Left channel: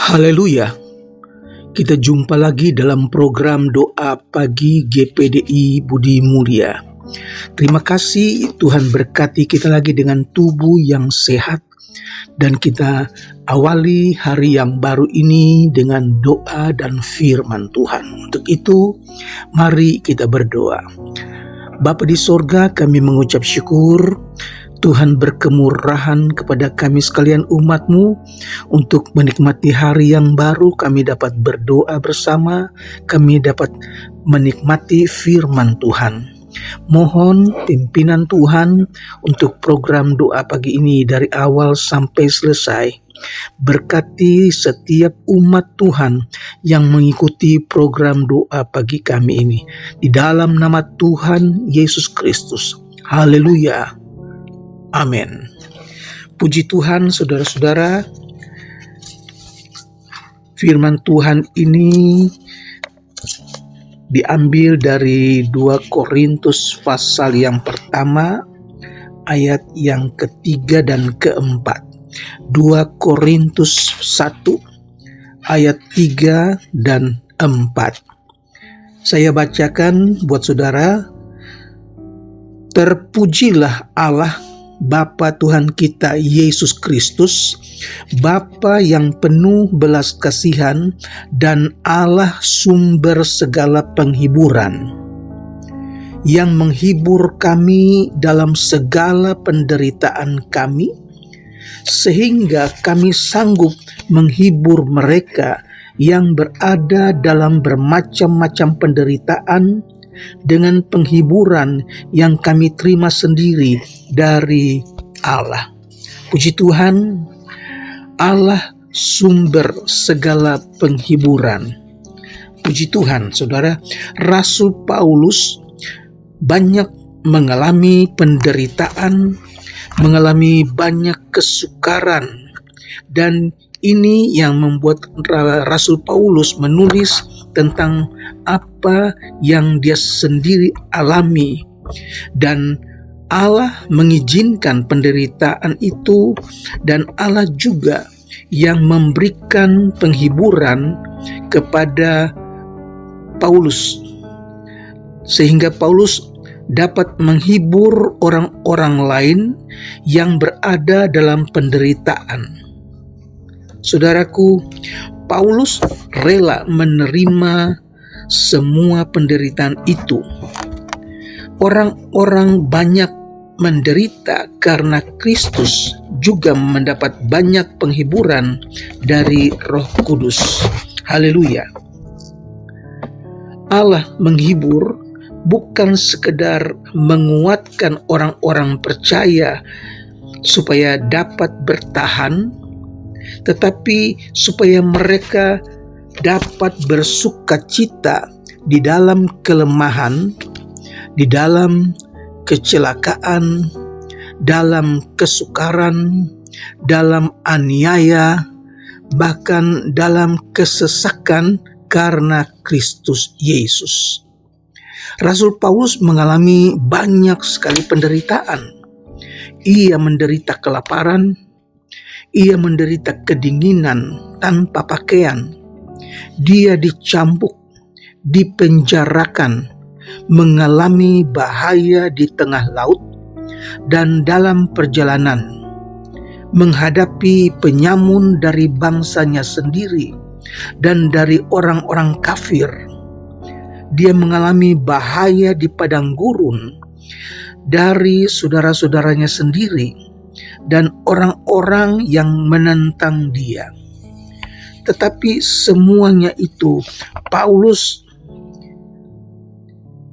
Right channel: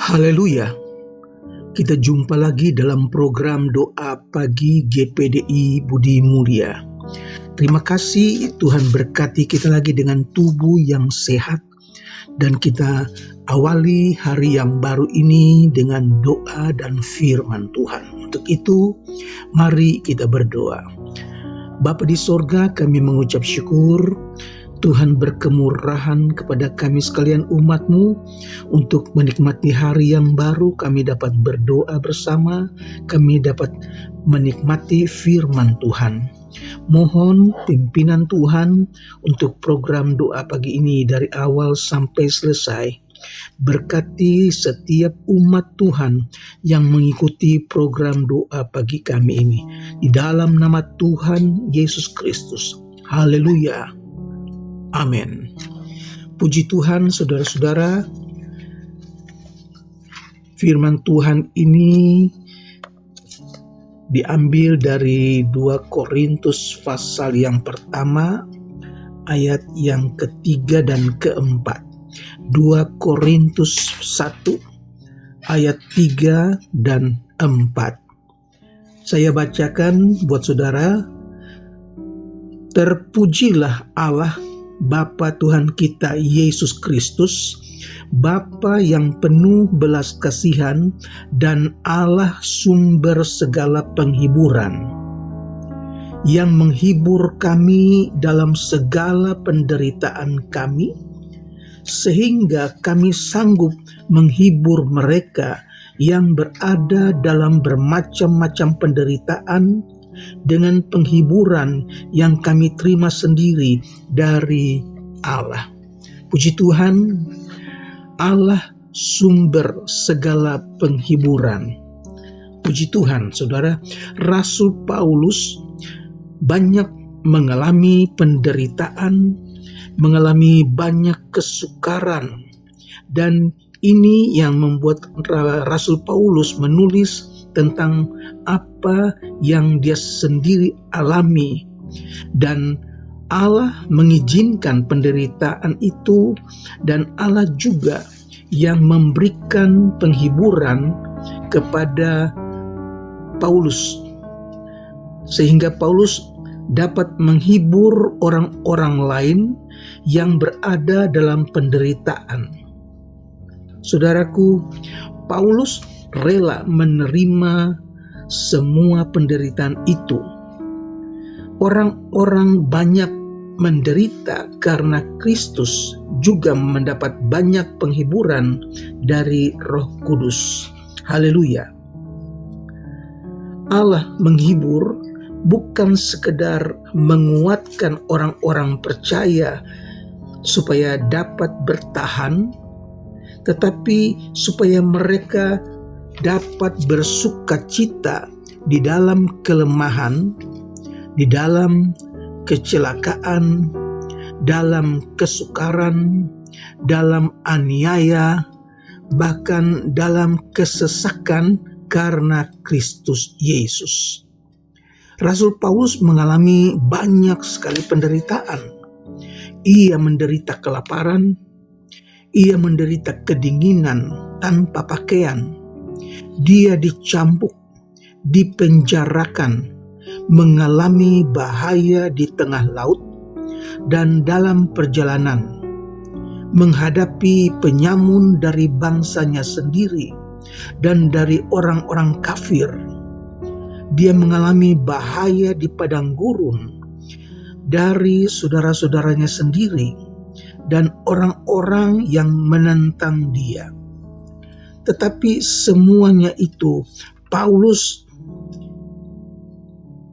Haleluya, kita jumpa lagi dalam program doa pagi GPDI Budi Mulia. Terima kasih Tuhan berkati kita lagi dengan tubuh yang sehat, dan kita awali hari yang baru ini dengan doa dan firman Tuhan. Untuk itu, mari kita berdoa. Bapa di sorga, kami mengucap syukur Tuhan berkemurahan kepada kami sekalian umat-Mu untuk menikmati hari yang baru. Kami dapat berdoa bersama, kami dapat menikmati firman Tuhan. Mohon pimpinan Tuhan untuk program doa pagi ini dari awal sampai selesai. Berkati setiap umat Tuhan yang mengikuti program doa pagi kami ini. Di dalam nama Tuhan Yesus Kristus. Haleluya. Amin. Puji Tuhan, saudara-saudara. Firman Tuhan ini diambil dari 2 Korintus pasal yang pertama, ayat yang ketiga dan keempat. 2 Korintus 1, ayat 3 dan 4. Saya bacakan buat saudara. Terpujilah Allah Bapa Tuhan kita Yesus Kristus, Bapa yang penuh belas kasihan dan Allah sumber segala penghiburan, yang menghibur kami dalam segala penderitaan kami, sehingga kami sanggup menghibur mereka yang berada dalam bermacam-macam penderitaan dengan penghiburan yang kami terima sendiri dari Allah. Puji Tuhan, Allah sumber segala penghiburan. Puji Tuhan, saudara. Rasul Paulus banyak mengalami penderitaan, mengalami banyak kesukaran, dan ini yang membuat Rasul Paulus menulis tentang apa yang dia sendiri alami, dan Allah mengizinkan penderitaan itu, dan Allah juga yang memberikan penghiburan kepada Paulus, sehingga Paulus dapat menghibur orang-orang lain yang berada dalam penderitaan. Saudaraku, Paulus rela menerima semua penderitaan itu. Orang-orang banyak menderita karena Kristus juga mendapat banyak penghiburan dari Roh Kudus. Haleluya. Allah menghibur bukan sekedar menguatkan orang-orang percaya supaya dapat bertahan, tetapi supaya mereka dapat bersukacita di dalam kelemahan, di dalam kecelakaan, dalam kesukaran, dalam aniaya, bahkan dalam kesesakan karena Kristus Yesus. Rasul Paulus mengalami banyak sekali penderitaan. Ia menderita kelaparan, ia menderita kedinginan tanpa pakaian, dia dicambuk, dipenjarakan, mengalami bahaya di tengah laut, dan dalam perjalanan menghadapi penyamun dari bangsanya sendiri dan dari orang-orang kafir. Dia mengalami bahaya di padang gurun dari saudara-saudaranya sendiri dan orang-orang yang menentang dia. Tetapi semuanya itu Paulus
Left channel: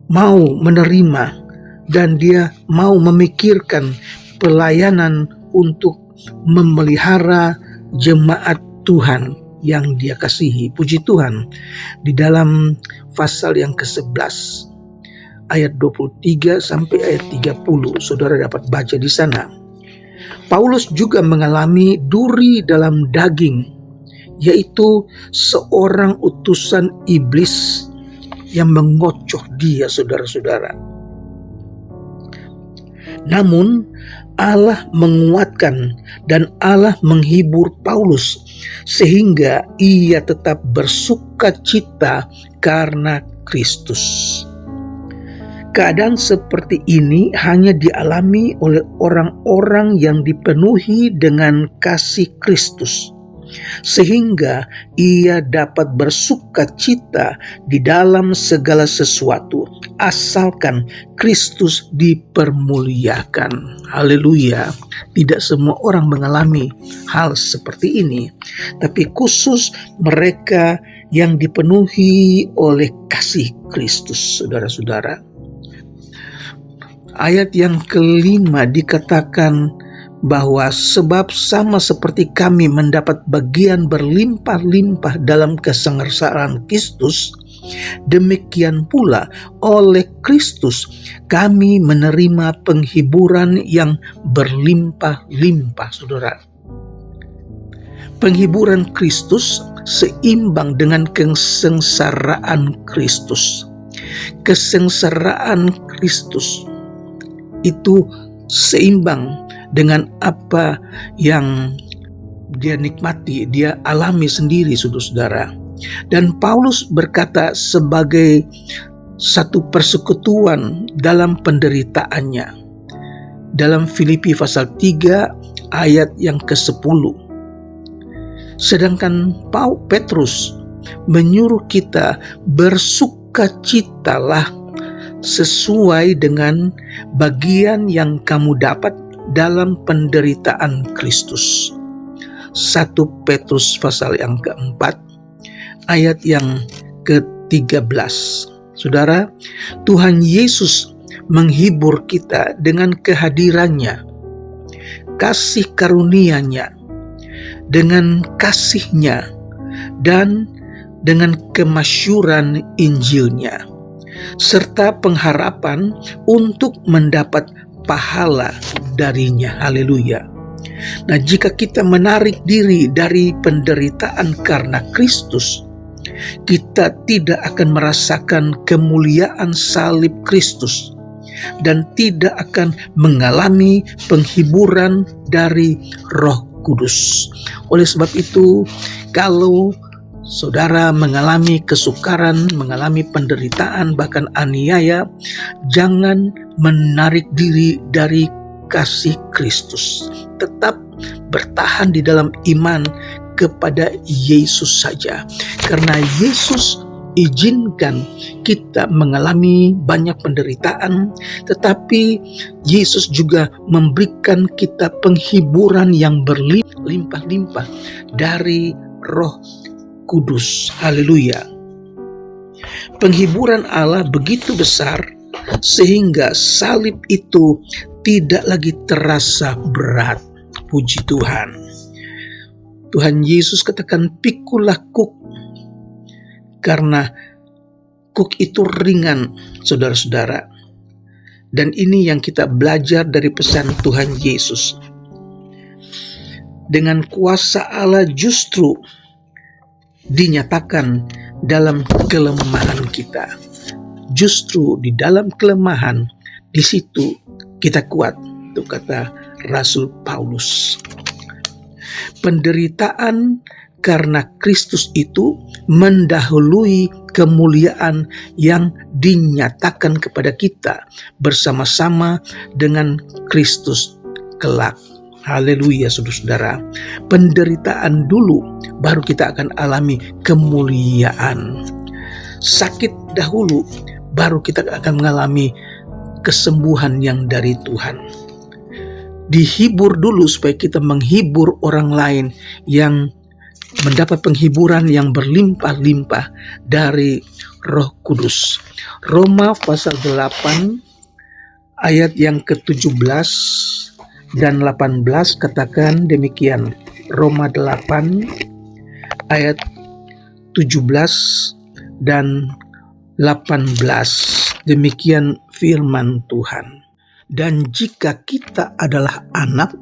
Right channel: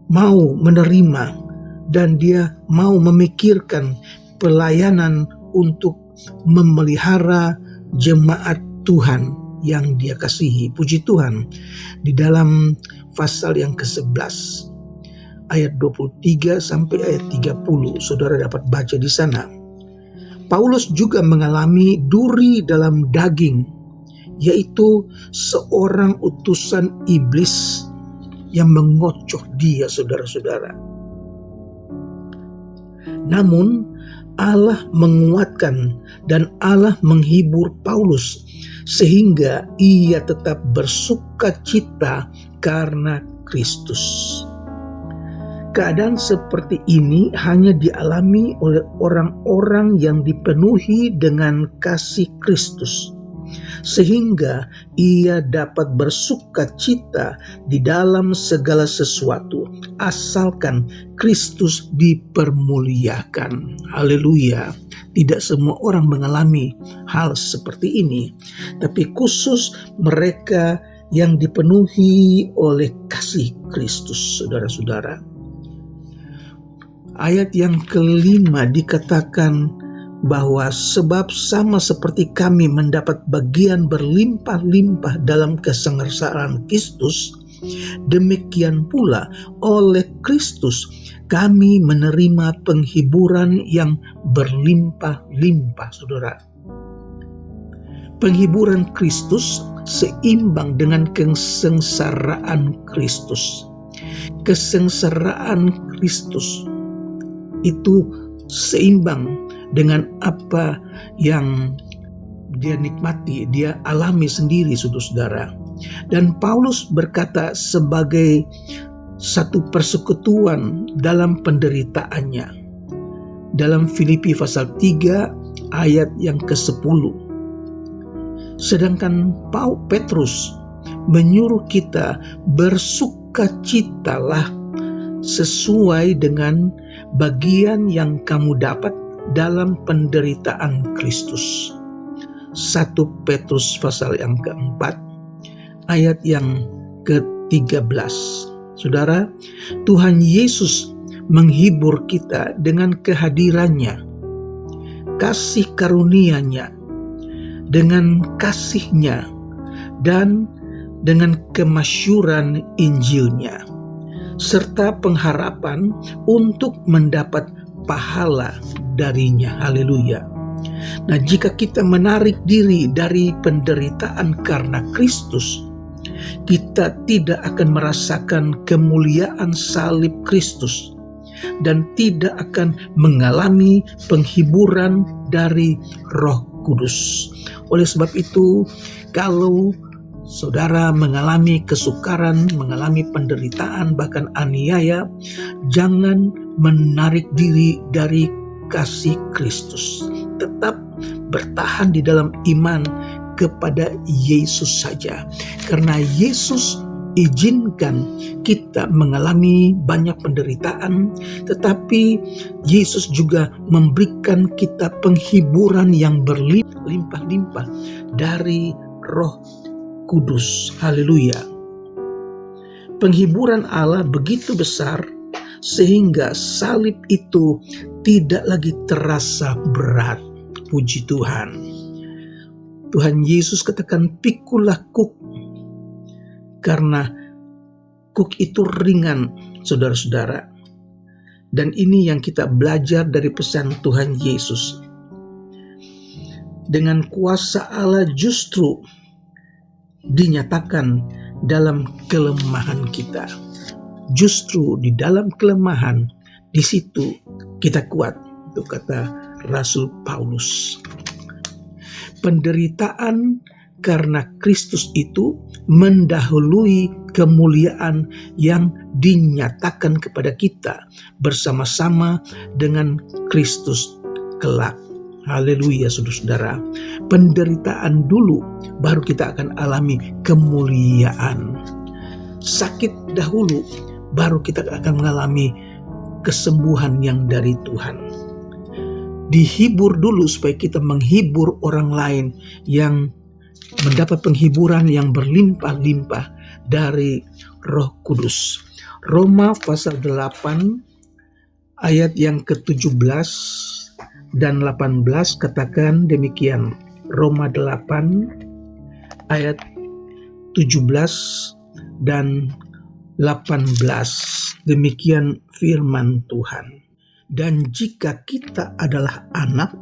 mau menerima, dan dia mau memikirkan pelayanan untuk memelihara jemaat Tuhan yang dia kasihi. Puji Tuhan. Di dalam pasal yang ke-11 ayat 23 sampai ayat 30, saudara dapat baca di sana. Paulus juga mengalami duri dalam daging, yaitu seorang utusan iblis yang mengocoh dia, saudara-saudara. Namun Allah menguatkan dan Allah menghibur Paulus sehingga ia tetap bersukacita karena Kristus. Keadaan seperti ini hanya dialami oleh orang-orang yang dipenuhi dengan kasih Kristus, sehingga ia dapat bersukacita di dalam segala sesuatu, asalkan Kristus dipermuliakan. Haleluya. Tidak semua orang mengalami hal seperti ini, tapi khusus mereka yang dipenuhi oleh kasih Kristus, saudara-saudara. Ayat yang kelima dikatakan bahwa sebab sama seperti kami mendapat bagian berlimpah-limpah dalam kesengsaraan Kristus, demikian pula oleh Kristus kami menerima penghiburan yang berlimpah-limpah, saudara. Penghiburan Kristus seimbang dengan kesengsaraan Kristus. Kesengsaraan Kristus itu seimbang dengan apa yang dia nikmati, dia alami sendiri, saudara-saudara. Dan Paulus berkata sebagai satu persekutuan dalam penderitaannya. Dalam Filipi pasal 3 ayat yang ke-10. Sedangkan Petrus menyuruh kita bersukacitalah sesuai dengan bagian yang kamu dapat dalam penderitaan Kristus. 1 Petrus pasal yang keempat ayat yang ke-13. Saudara, Tuhan Yesus menghibur kita dengan kehadirannya, kasih karunia-Nya, dengan kasih-Nya, dan dengan kemasyuran Injil-Nya, serta pengharapan untuk mendapat pahala darinya. Haleluya. Nah, jika kita menarik diri dari penderitaan karena Kristus, kita tidak akan merasakan kemuliaan salib Kristus dan tidak akan mengalami penghiburan dari Roh Kudus. Oleh sebab itu, kalau saudara mengalami kesukaran, mengalami penderitaan, bahkan aniaya, jangan menarik diri dari kasih Kristus. Tetap bertahan di dalam iman kepada Yesus saja. Karena Yesus izinkan kita mengalami banyak penderitaan, tetapi Yesus juga memberikan kita penghiburan yang berlimpah-limpah dari Roh Kudus. Haleluya. Penghiburan Allah begitu besar sehingga salib itu tidak lagi terasa berat. Puji Tuhan. Tuhan Yesus katakan, "Pikulah kuk," karena kuk itu ringan, saudara-saudara. Dan ini yang kita belajar dari pesan Tuhan Yesus. Dengan kuasa Allah justru dinyatakan dalam kelemahan kita. Justru di dalam kelemahan, di situ kita kuat, itu kata Rasul Paulus. Penderitaan karena Kristus itu mendahului kemuliaan yang dinyatakan kepada kita bersama-sama dengan Kristus kelak. Haleluya, saudara-saudara. Penderitaan dulu, baru kita akan alami kemuliaan. Sakit dahulu, baru kita akan mengalami kesembuhan yang dari Tuhan. Dihibur dulu supaya kita menghibur orang lain yang mendapat penghiburan yang berlimpah-limpah dari Roh Kudus. Roma pasal 8 ayat yang ke-17 dan 18 katakan demikian. Roma 8 ayat 17 dan 18. Demikian firman Tuhan. Dan jika kita adalah anak,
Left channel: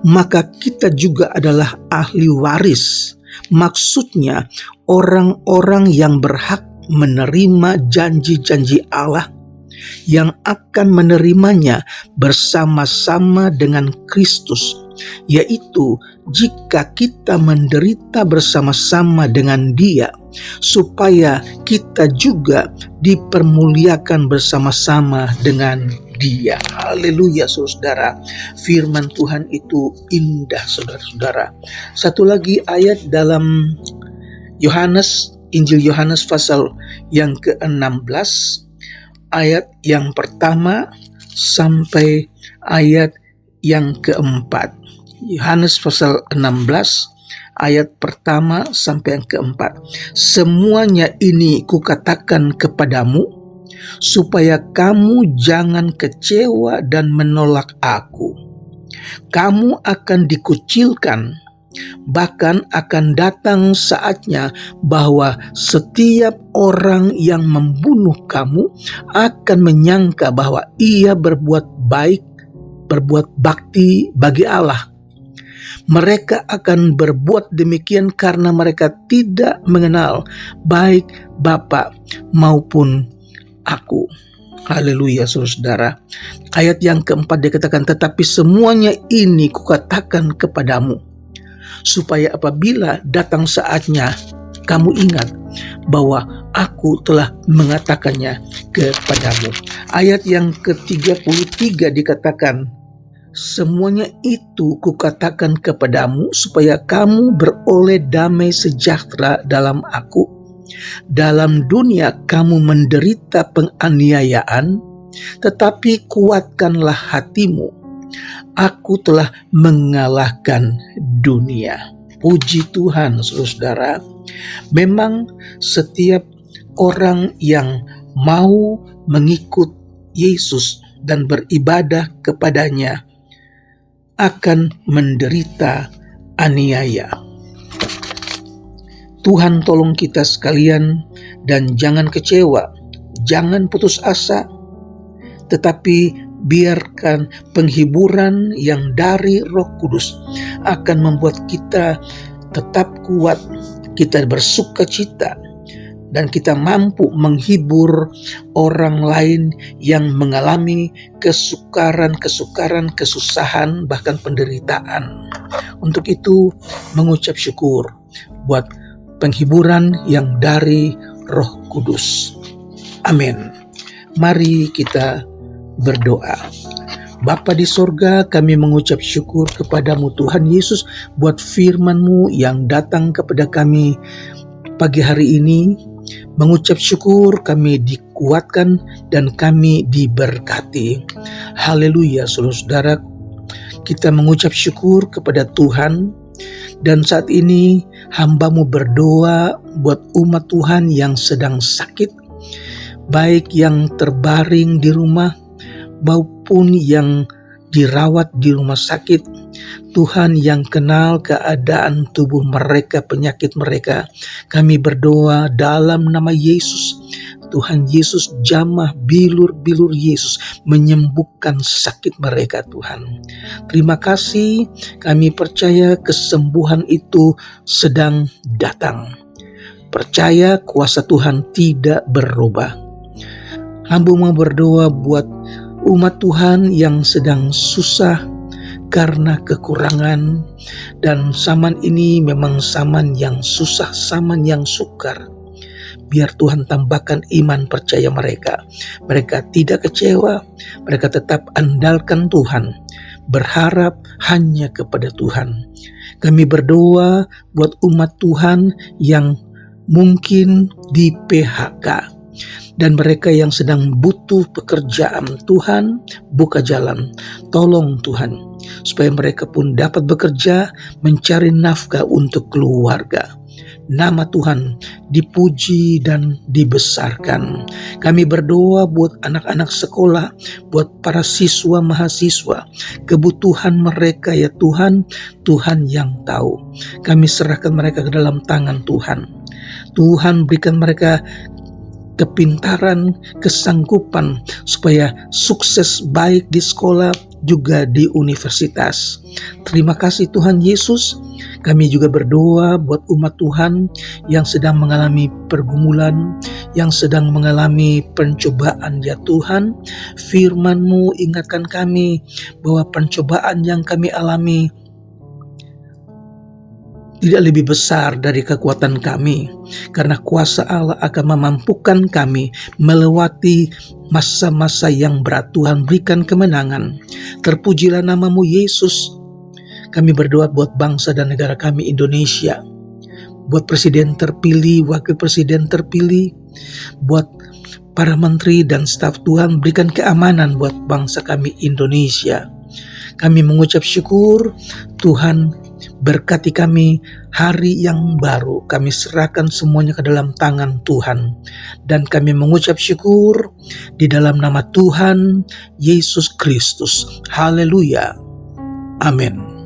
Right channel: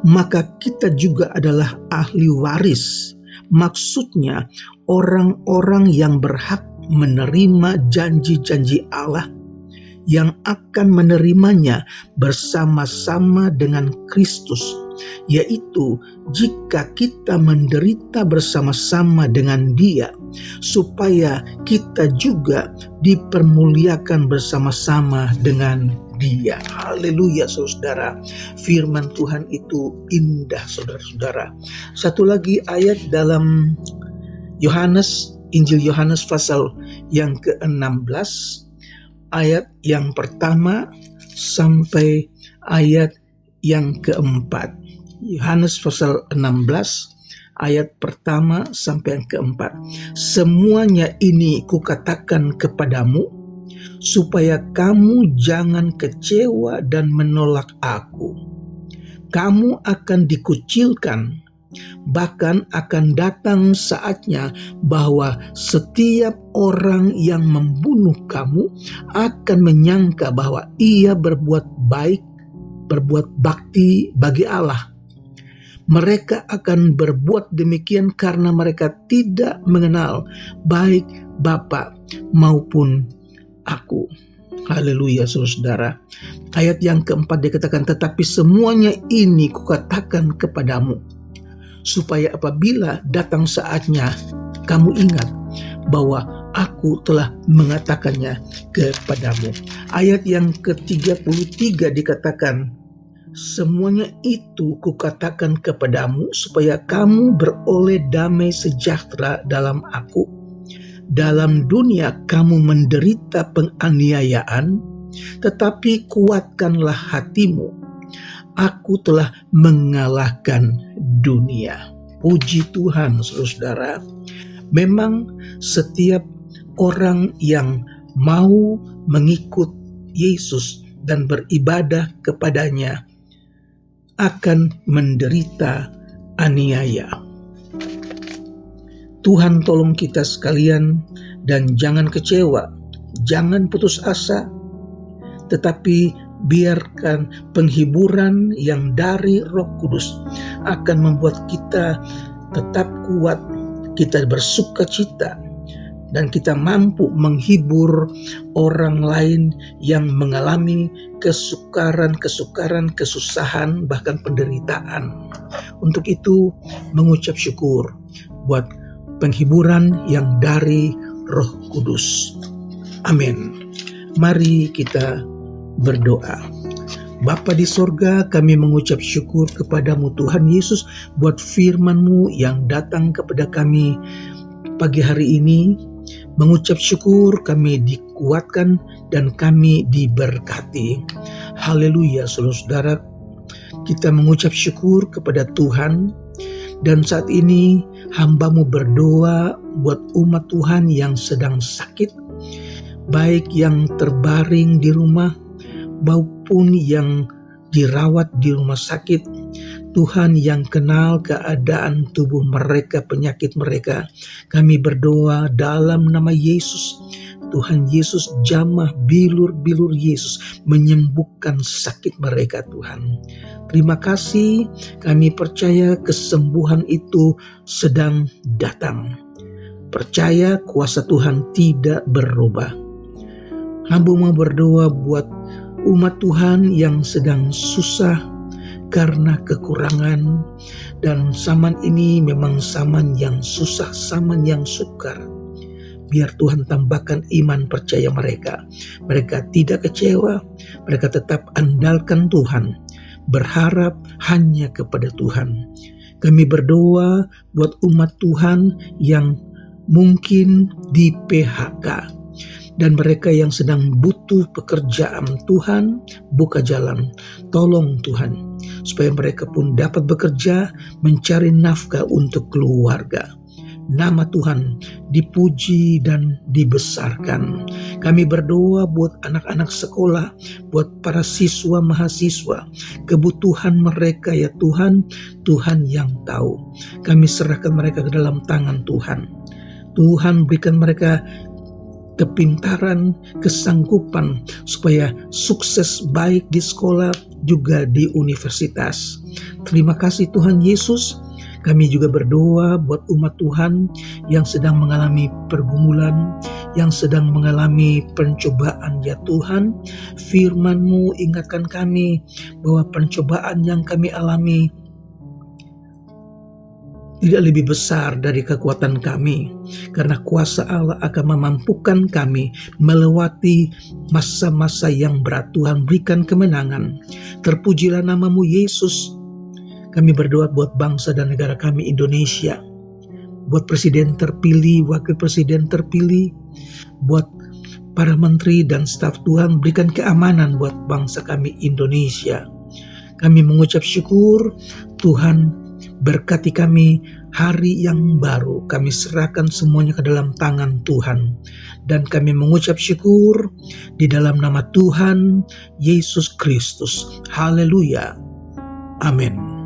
maka kita juga adalah ahli waris. Maksudnya orang-orang yang berhak menerima janji-janji Allah yang akan menerimanya bersama-sama dengan Kristus, yaitu jika kita menderita bersama-sama dengan Dia, supaya kita juga dipermuliakan bersama-sama dengan Dia. Haleluya, saudara. Firman Tuhan itu indah, saudara-saudara. Satu lagi ayat dalam Injil Yohanes pasal yang ke-16, ayat yang pertama sampai ayat yang keempat. Yohanes pasal 16 ayat pertama sampai yang keempat. Semuanya ini kukatakan kepadamu, supaya kamu jangan kecewa dan menolak aku. Kamu akan dikucilkan, bahkan akan datang saatnya bahwa setiap orang yang membunuh kamu akan menyangka bahwa ia berbuat baik, berbuat bakti bagi Allah. Mereka akan berbuat demikian karena mereka tidak mengenal baik Bapa maupun aku. Haleluya, saudara. Ayat yang keempat dikatakan, tetapi semuanya ini kukatakan kepadamu, supaya apabila datang saatnya kamu ingat bahwa aku telah mengatakannya kepadamu. Ayat yang ke-33 dikatakan, semuanya itu kukatakan kepadamu supaya kamu beroleh damai sejahtera dalam aku. Dalam dunia kamu menderita penganiayaan, tetapi kuatkanlah hatimu. Aku telah mengalahkan dunia. Puji Tuhan, saudara. Memang setiap orang yang mau mengikut Yesus dan beribadah kepadanya akan menderita aniaya. Tuhan tolong kita sekalian, dan jangan kecewa, jangan putus asa, tetapi biarkan penghiburan yang dari Roh Kudus akan membuat kita tetap kuat, kita bersukacita, dan kita mampu menghibur orang lain yang mengalami kesukaran, kesusahan, bahkan penderitaan. Untuk itu mengucap syukur buat penghiburan yang dari Roh Kudus. Amin. Mari kita berdoa. Bapa di sorga, kami mengucap syukur kepadamu Tuhan Yesus buat firman-Mu yang datang kepada kami pagi hari ini. Mengucap syukur kami dikuatkan dan kami diberkati. Haleluya, saudara-saudara. Kita mengucap syukur kepada Tuhan. Dan saat ini hamba-Mu berdoa buat umat Tuhan yang sedang sakit, baik yang terbaring di rumah maupun yang dirawat di rumah sakit. Tuhan yang kenal keadaan tubuh mereka, penyakit mereka. Kami berdoa dalam nama Yesus. Tuhan Yesus, jamah bilur-bilur Yesus menyembuhkan sakit mereka, Tuhan. Terima kasih, kami percaya kesembuhan itu sedang datang. Percaya kuasa Tuhan tidak berubah. Hamba mau berdoa buat umat Tuhan yang sedang susah karena kekurangan, dan zaman ini memang zaman yang susah, zaman yang sukar. Biar Tuhan tambahkan iman percaya mereka. Mereka tidak kecewa, mereka tetap andalkan Tuhan, berharap hanya kepada Tuhan. Kami berdoa buat umat Tuhan yang mungkin di PHK, dan mereka yang sedang butuh pekerjaan. Tuhan, buka jalan. Tolong Tuhan, supaya mereka pun dapat bekerja, mencari nafkah untuk keluarga. Nama Tuhan dipuji dan dibesarkan. Kami berdoa buat anak-anak sekolah, buat para siswa mahasiswa, kebutuhan mereka ya Tuhan, Tuhan yang tahu. Kami serahkan mereka ke dalam tangan Tuhan. Tuhan berikan mereka kepintaran, kesanggupan supaya sukses baik di sekolah juga di universitas. Terima kasih Tuhan Yesus. Kami juga berdoa buat umat Tuhan yang sedang mengalami pergumulan, yang sedang mengalami pencobaan ya Tuhan. Firman-Mu ingatkan kami bahwa pencobaan yang kami alami tidak lebih besar dari kekuatan kami, karena kuasa Allah akan memampukan kami melewati masa-masa yang berat. Tuhan, berikan kemenangan. Terpujilah nama-Mu Yesus. Kami berdoa buat bangsa dan negara kami Indonesia, buat presiden terpilih, wakil presiden terpilih, buat para menteri dan staf. Tuhan, berikan keamanan buat bangsa kami Indonesia. Kami mengucap syukur, Tuhan, berkati kami hari yang baru. Kami serahkan semuanya ke dalam tangan Tuhan. Dan kami mengucap syukur di dalam nama Tuhan Yesus Kristus. Haleluya. Amin.